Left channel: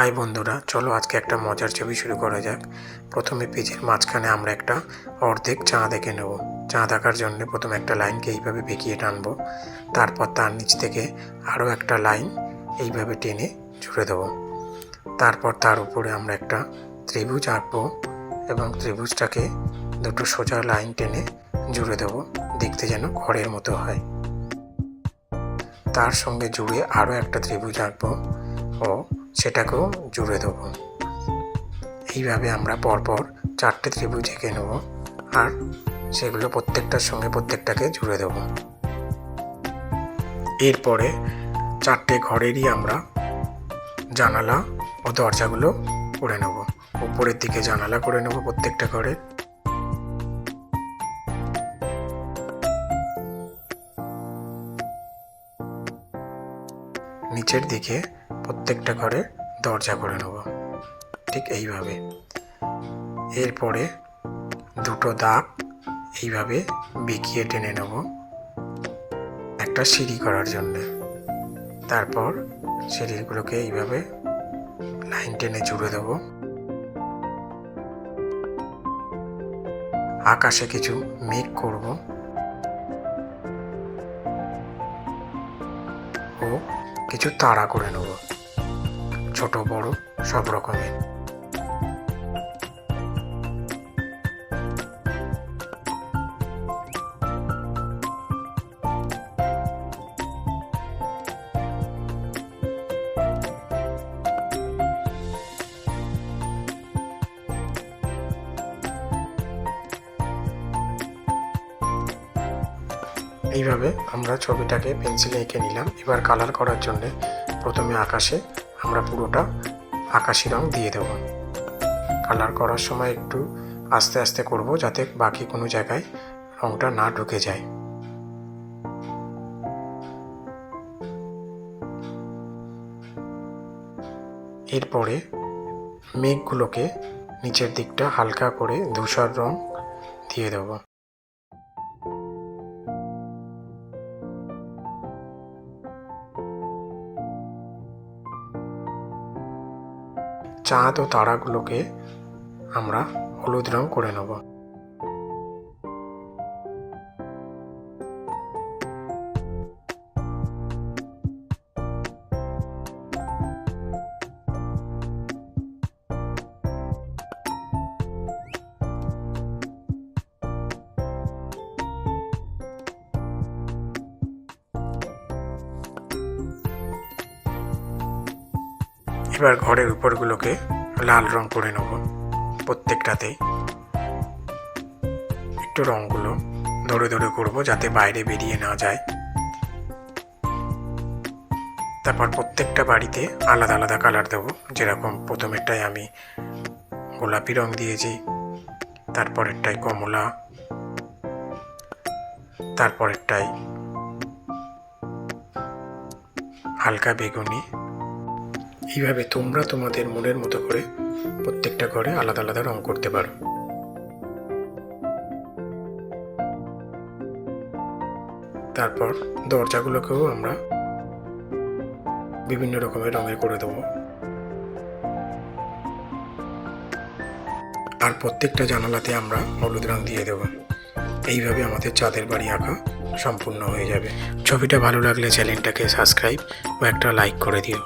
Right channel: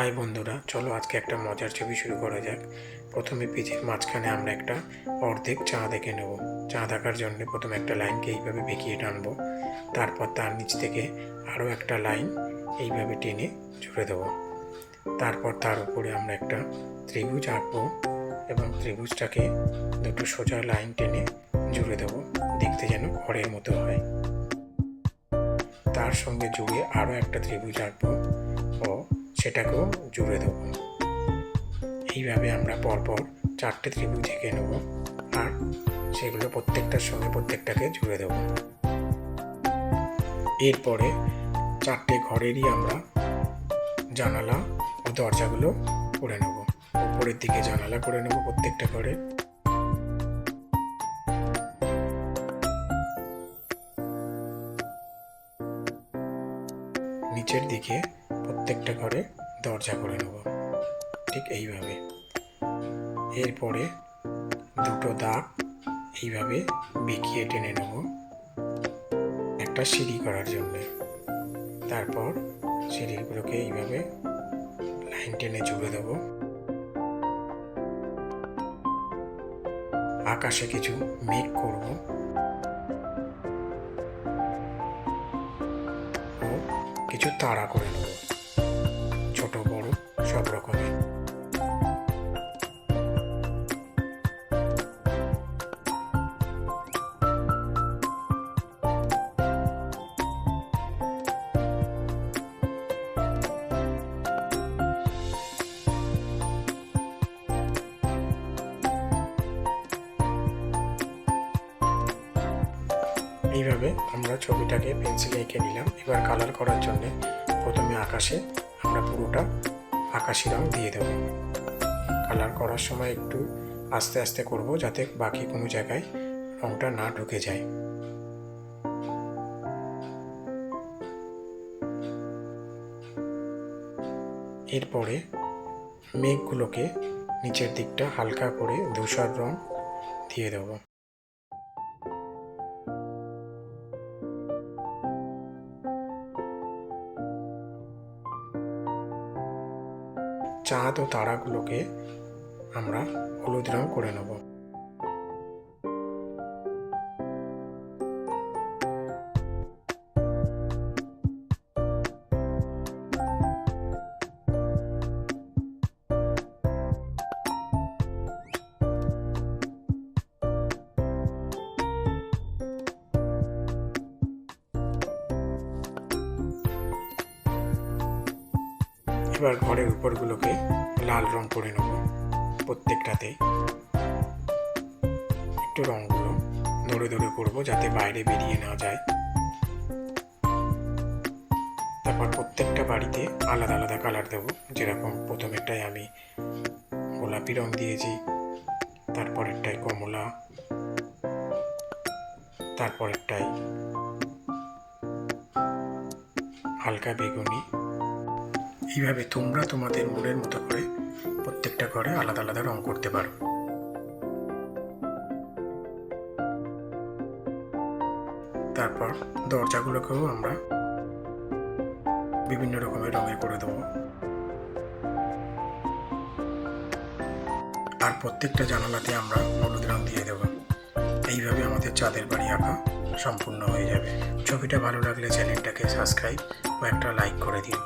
High বন্ধুরা, চলো আজকে একটা মজার ছবি শুরু করা যাক। প্রথমে পেজের মাঝখানে আমরা একটা অর্ধেক চাঁদ এঁকে নেব। চাঁদ আঁকার জন্য প্রথমে একটা লাইনকে এইভাবে বেঁকিয়ে টানবো, তারপর তার নিচ থেকে আরও একটা লাইন এইভাবে টেনে জুড়ে দেবো। তারপর তার উপরে আমরা একটা ত্রিভুজ আঁকবো এবং ত্রিভুজটাকে দুটো সোজা লাইন টেনে জুড়ে দেবো, দেখতে যেন ঘরের মতো হয়। তার সঙ্গে জুড়ে আরও একটা ত্রিভুজ আঁকবো ও সেটাকেও জুড়ে দেবো। এইভাবে আমরা পরপর 4টে ত্রিভুজ এঁকে নেব আর সেগুলো প্রত্যেকটার সঙ্গে প্রত্যেকটাকে জুড়ে দেব। এরপরে 4টে ঘরেরই আমরা জানালা ও দরজাগুলো করে নেব। উপরের দিকে জানালা করে নেব প্রত্যেকটা ঘরে, নিচের দিকে প্রত্যেকটা ঘরে দরজা করে নেব, ঠিক এইভাবে। এরপরে দুটো দাগ এইভাবে বেঁকিয়ে টেনে নেব একটা সিঁড়ি করার জন্য। তারপর সিঁড়িগুলোকে এইভাবে লাইন টেনে জুড়ে দেব। আকাশে কিছু মেঘ করব ও কিছু তারা করে নেব, ছোট বড় সব রকমের। এইভাবে আমরা ছবিটাকে পেন্সিলে এঁকে নিলাম। এবার কালার করার জন্য প্রথমে আকাশে আমরা পুরোটা আকাশি রং দিয়ে দেব। কালার করার সময় একটু আস্তে আস্তে করব, যাতে বাকি কোনো জায়গায় রংটা না ঢুকে যায়। এরপরে মেঘগুলোকে নিচের দিকটা হালকা করে ধূসর রং দিয়ে দেব। চাঁদ ও তারাগুলোকে আমরা হলুদ রং করে নেব। এবার ঘরের উপরগুলোকে লাল রং করে নেব। প্রত্যেকটাতেই একটু রঙগুলো ধরে ধরে করব, যাতে বাইরে বেরিয়ে না যায়। তারপর প্রত্যেকটা বাড়িতে আলাদা আলাদা কালার দেব। যেরকম প্রথমেরটায় আমি গোলাপি রং দিয়েছি, তারপরেরটায় কমলা, তারপরেরটায় হালকা বেগুনি। এইভাবে তোমরা তোমাদের মনের মতো করে প্রত্যেকটা ঘরে আলাদা আলাদা রং করতে পারো। তারপর দরজাগুলোকেও আমরা বিভিন্ন রকমের রঙের করে দেবো। আর প্রত্যেকটা জানালাতে আমরা হলুদ রং দিয়ে দেবো। এইভাবে আমাদের চাঁদের বাড়ি আঁকা সম্পূর্ণ হয়ে যাবে। ছবিটা ভালো লাগলে চ্যানেলটাকে সাবস্ক্রাইব ও একটা লাইক করে দিও।